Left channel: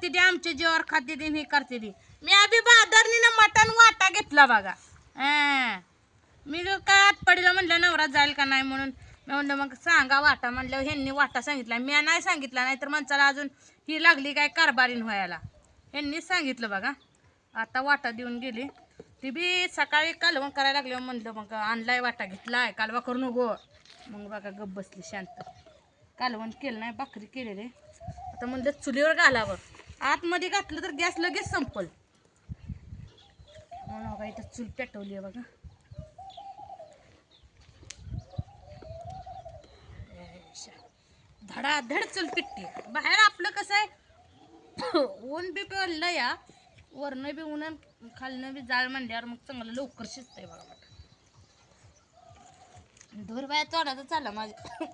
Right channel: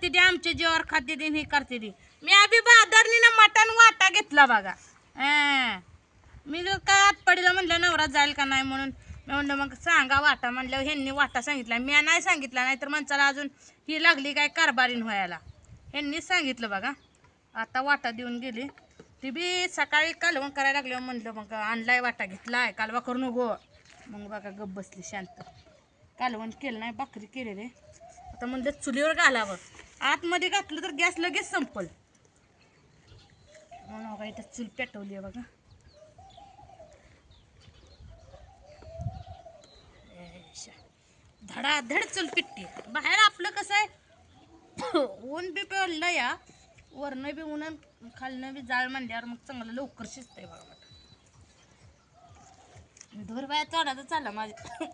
करते ती आमच्या जेवावर खाते ती ही करते ती. मी आधी बाजारनी मटण वाटा घेतला बघा. मी जर काय आटपडीला म्हणलं नवरा जाईल का नाही म्हणून मी म्हणलं मग सांगा वाटा म्हणल्यावर ह्यांनी वाटा सांगितला. मी नाही सांगितला नाही तर माणसाला अजून ही लागली काय कारभारीन व्हायला. ह्यांनीच सांगितलं बघा. आता वाटा देऊन गेली ती बी सकाळी कालवण करायला लागले म्हणलं मग आणलाय वाटा घेतलाय कालवा करू नको. मग बघा गप बसली शांत. कालवण केलं नाही भाकरी केलेले. आता म्हणलं चुलीवर घालावं. आतमध्ये घातलं तर गॅस लगेच संपल म्हणून बघा इथं चूल पेटवली आहे बघा. धडाधड चूल पिटते. बाहेर आपलं कसं आहे ऊन बी पेरलं या वरनं बी ऊन खालनं बी जाळ म्हणल्यावर मग चांगलं लवकर शिजतंय बघा. धूर बाया तोडायचं चालला माझ्या.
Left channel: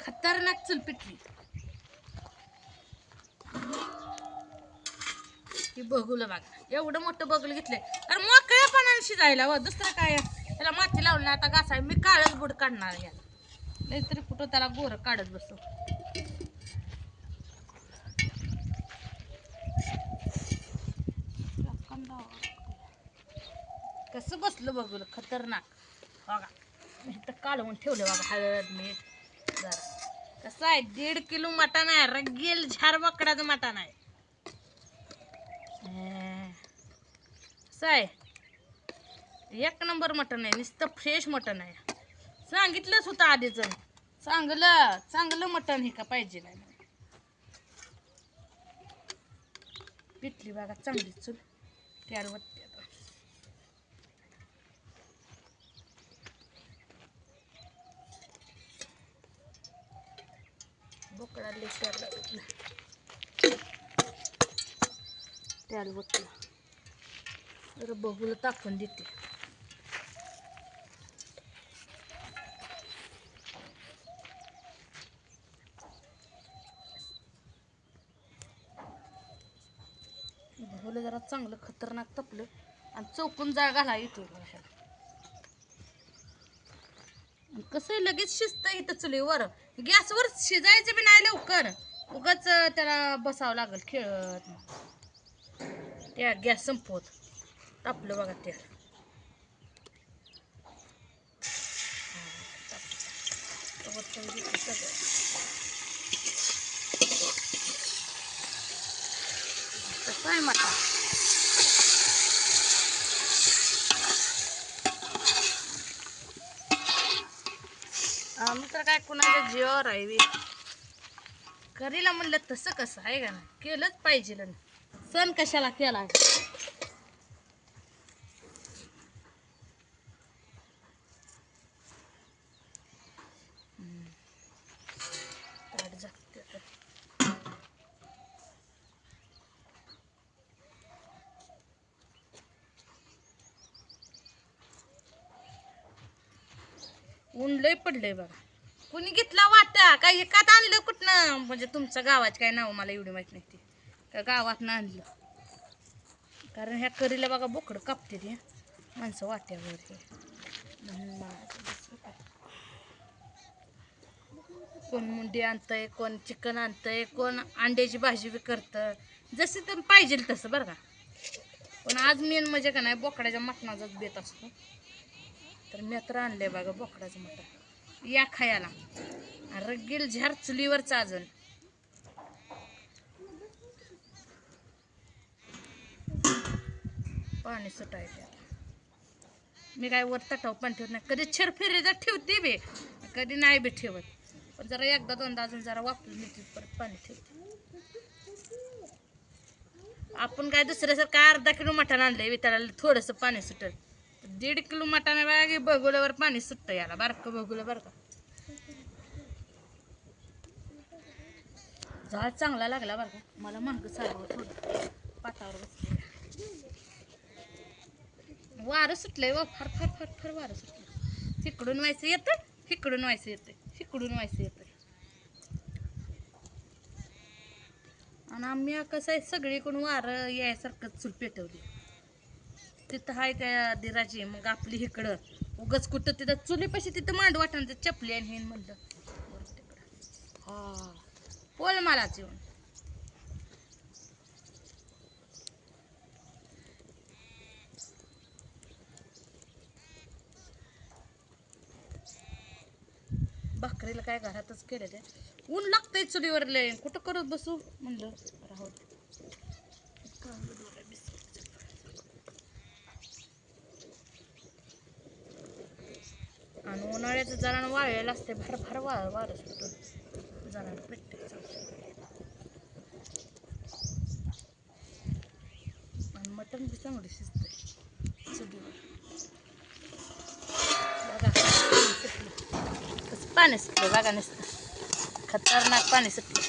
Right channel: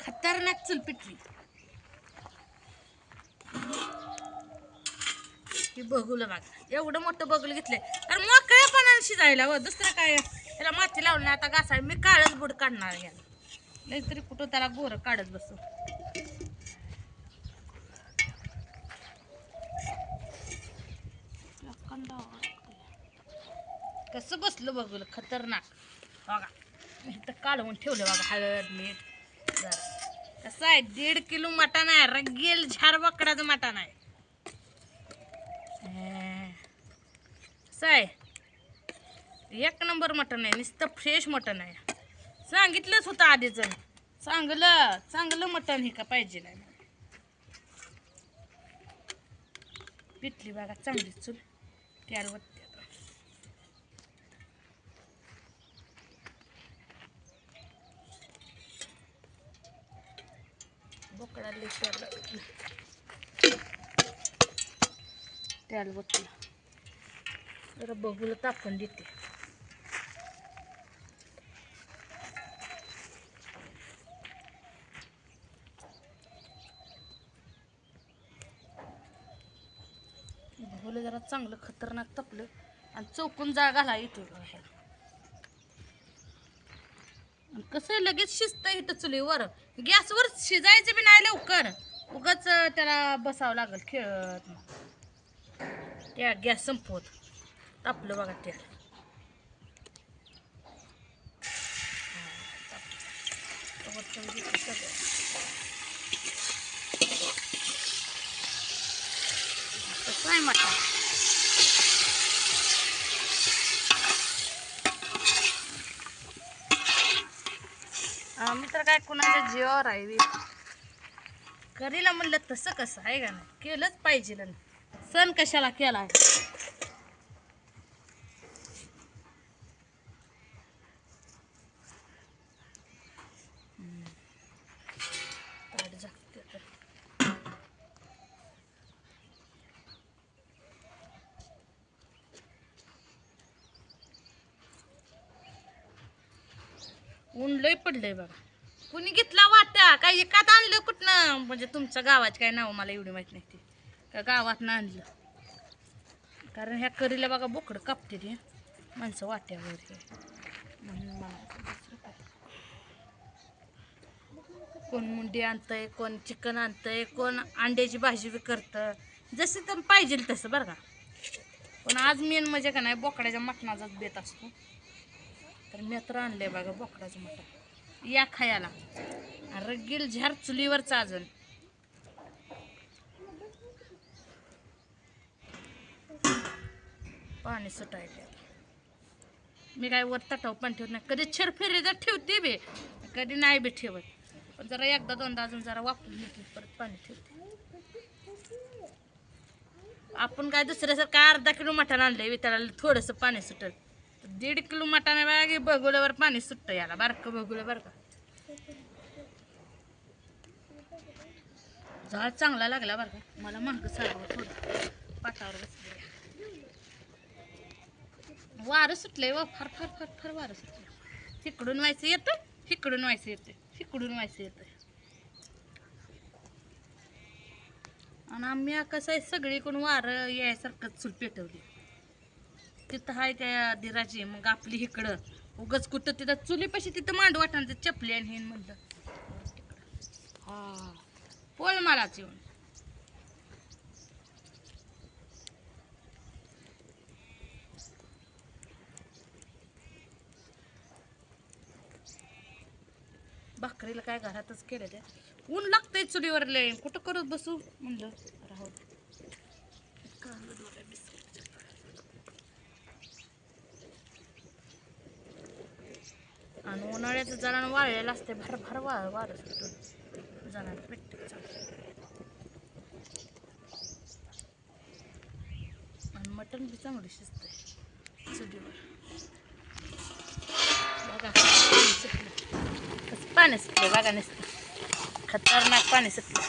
खतरनाक चूल पिटली. ही बघूलं बघा एवढं मोठं बघूलं घेतलंय तर मोकळ्यापणाने शिजायला व दुसरं काय त्याला माती लावलं आता घासाय मी काळच बुड काढणार याला नाहीतरी कुठं त्याला गोरं काढत बसतो. कसं बसलं बघूलं खतरनाक बघा. इथं काढून ठेवलं बघा हळद मीठ जरा. कसं आहे 1.5 किलो मटण आहे. रगेल झार बकडाचं मटण आहे. कसं आहे 1 नंबर मटण आहे. नुसतं फ्रेश मटण आहे. सांगितलंच होतं आधीच चांगलं मटण हे का पाहिजे नाही. पिटली बघा चांगली चूल त्यावर वरती. बोकडा लेशाला त्याला बघते जरा बघूला तापून देते. बघूला जरा चांगलं खतरनाक तपलं आणि चौकून जाळ घाला येतोय बघा ह्याला. कसं लगेच शिजतं इथं चुलीवर. गॅसवर शिजायचं बी नाही लवकर उगाच त्याला बसावं लागल खेळत. त्या गॅस संपवत तापलं बघा त्या. कसं आहे मटा आम्ही तर काय कुणाच्या जीवावर आहे करीला म्हणलं तसं कसं आहे का नाही केलंच पाहिजे. सण कशाला केलाय. ऊन लय पडलंय बघा. कुणी घेतला वाटा काय एकात आणलं कुठनं म्हणजे तुमच्या गावाची काय नाव मला एवढी माहित नाही ती का गावातनं आणलं. कारण ह्या करीला बघा बोकडं कापते ती माणसं वाट्यावर हे म्हणून मला कोण मुंडी आणतंय कोण चिकन आणतंय कोण अंड्याची भाजी बी करतं जसं तर पाहिजे तसं बरं का. पण आज मेन म्हणजे का नाही बोकड्याच्या मटणाचाच बेत असतो. तर मी तर आणले बघा बोकडाचं मटण या खायला. रगेल झार चुलीवरचं अजून पाणी सुटायले. मी काय वर तटाव पण ठेवत नाही. कधी छेरफेरी जर ठेवते बी कधी नाही बी ठेवत. पण जरा एकदा दोनदा अजून जरा वापरून घेतली परत पाणी ठेवते. आपण काय दुसऱ्यासारखं अर्धा किलो मटण आणलंय त्याला थोडंसं पाणी सुटल. 1.5 किलो मटण बघा बघुल्यावर पाणी सुटतं याला बारकं बघुलं बरं का. झाड चांगला लागला बरं का. मला महाग सारावं थोडं पाटावर बसले. वारं सुटलंय व फार फार फार फार वारं सुटलं. तिकडून व्हायचं येतं इकडून व्हायचं येतं इकडून व्हायचं येतं. आणि आम्ही कसं आहे सगळीकडून वारं यायसारखं चूल पेटवली. तिथं आहे त्या दिराची मग आपली इकडं उगच कुठं तिथं चुलीपाशी तिथं मांड वाटणार चपली आणि हे म्हणलं तिकडं हा पोल मलाच येऊन भाकरीला काय घरातच केलं ते. ऊन लागतंय चुलीवर लय, कुठं करत बसू म्हणलं राहू दे. आणि उन्हाळ्याचं जरा वाळलेलं असते, भर भर वारं सुटून जरा पेटते चांगलं. आणि मटण बी चांगलं शिजतंय चुलीवर. बघा कसं पाणी सुटलं, बघा नुसतं खतरनाक पाणी सुटलं.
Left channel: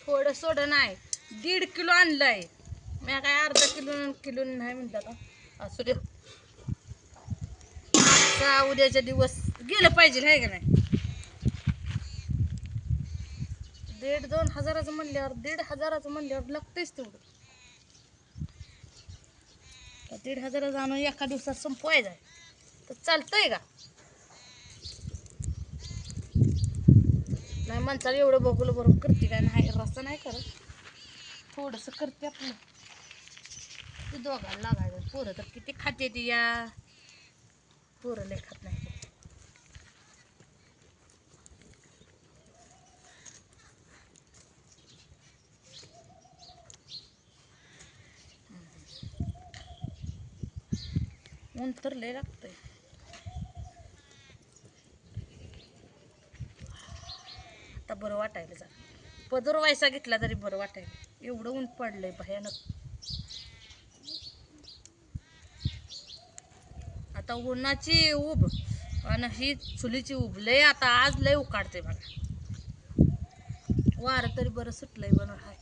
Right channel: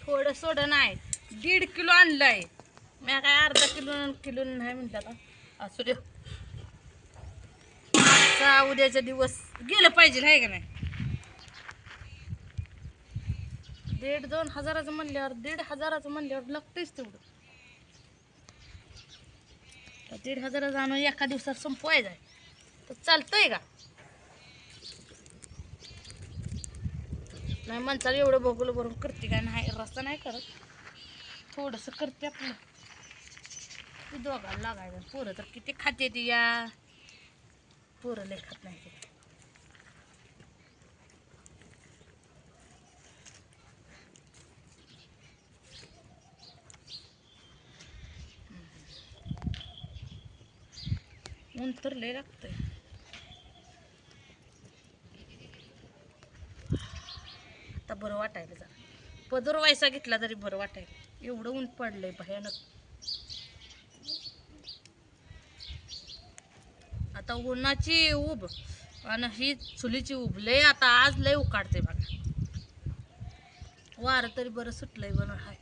थोडं सोडं नाही, 1.5 किलो आणलंय मी, काय अर्धा किलो नाही म्हणतात का. असू दे, उद्याच्या दिवस गेलं पाहिजे आहे का नाही. 1.5-2 हजाराचं म्हणल्यावर 1,500 म्हणल्यावर लागतंयच तेवढं. 1,500 आणून एका दिवसात संपवायचं आहे तर चालतंय का. नाही माणसाला एवढं बघूलं बरोबर करते काय नाही, रस्ता नाही करत, थोडंसं करते आपलं. ते दोघांना लागायचं. पोरं तर किती खाते ती या, पोरं लय खात नाही ते. ऊन तर लय लागतंय. आता बरं वाटायला जरा, पदर व्हायचा घेतला तरी बरं वाटायला, एवढं ऊन पडलंय भयानक. आता उन्हाची उब आणि ही चुलीची उब लय, आता आज लय उकाडते बघा. वारं तरी बरं सुटलंय बरं हाय.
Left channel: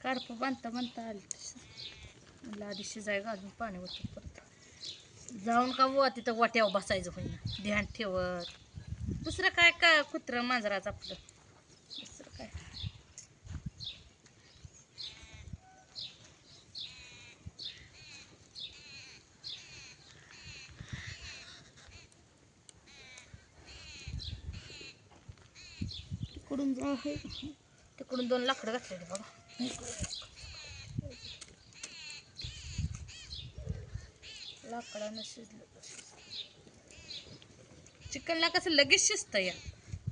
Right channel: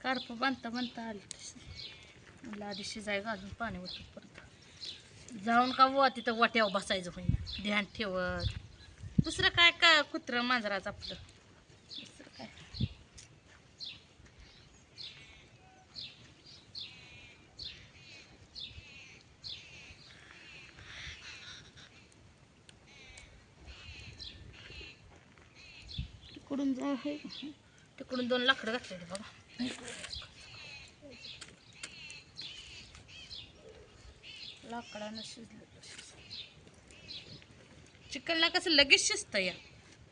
कार्प बांधता आली म्हणलं आधी शिजायला अजून पाणी होतं. परत जाऊन का बुवा तिथं वाट्यावर बसायचं होईना, ध्यान ठेवत. दुसरं काय काय कुत्रं मांजराचं आपलं, दुसरं काय. तिकडून जा आहे, तिकडून 2 लाकडं घातलेली बघा. लाकडानं शिजलं. चिकनला कसं लगेच शिजतं या,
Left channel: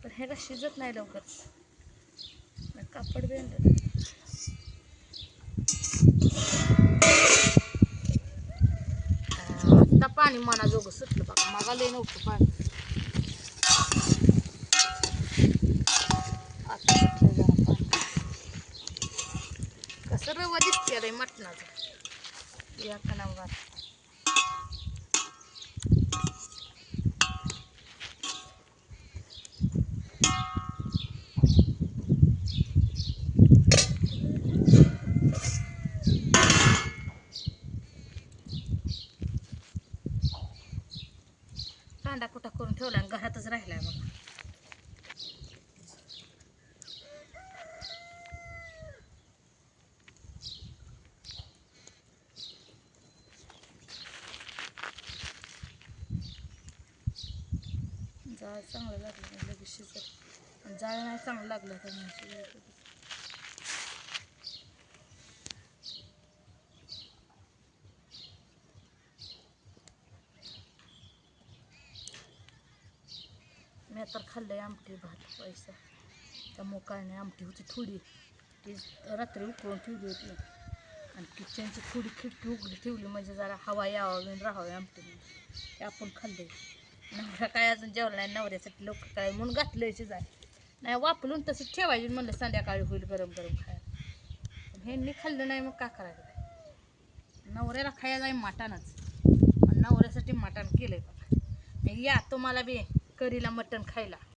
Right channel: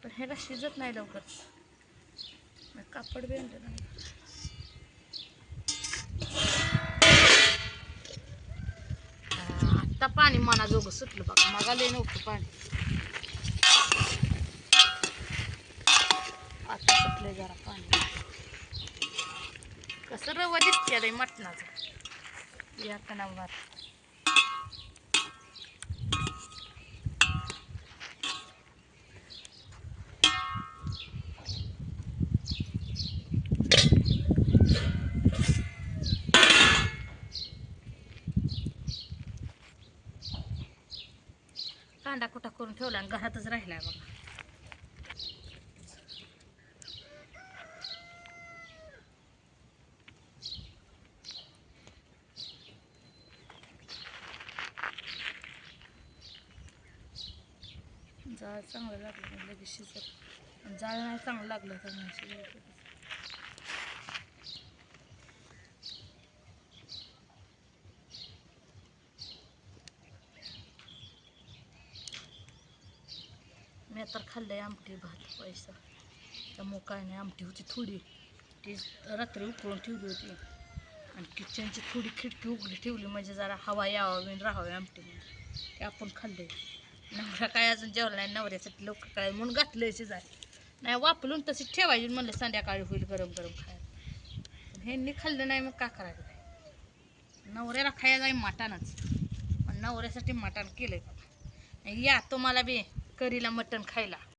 पण ह्याला शिजत नाही लवकर. कापड बी आणलं. आता पाणी मनाजोगं सुटलं बघा, मागा लय नव्हतं पाणी, आता सुटलंय जरा पाणी. कसं रवा दिसते रे मटणाचं या कणावर. कांदा कुटा करून ठेवला आणि घरातच राहिलाय बघा. जाळ चांगलं लागलं तर लगेच शिजत, आणि जाळ नाही चांगलं लागलं तर नाही शिजत. मी तर खाल्लंय आमटी भात पैसा, त्यामुळं काय नाही. आमटी होती थोडी, ती रात्री उकळून ठेवली होती, आणि किचनची थोडी खिडकी उघडी ठेवली म्हणजे जरा हवा यावं राहावी आमटीमध्ये, ते आपण खाल्ले. नवरा काय अजून जेवला नाही, नवऱ्यासाठी लोक काय म्हणून घातलंय शिजाय. नाही वापरून तसंच ठेवायची म्हणलं, संध्याकाळी होईल गरम गरम खायला. पण ह्यांनी खाल्लं नाही, मग का करायचं. नवऱ्याला खायला आहे मटणच, नवऱ्यासाठी मटण केलंय बघा. या तुम्हाला बी करीला मटण खायला.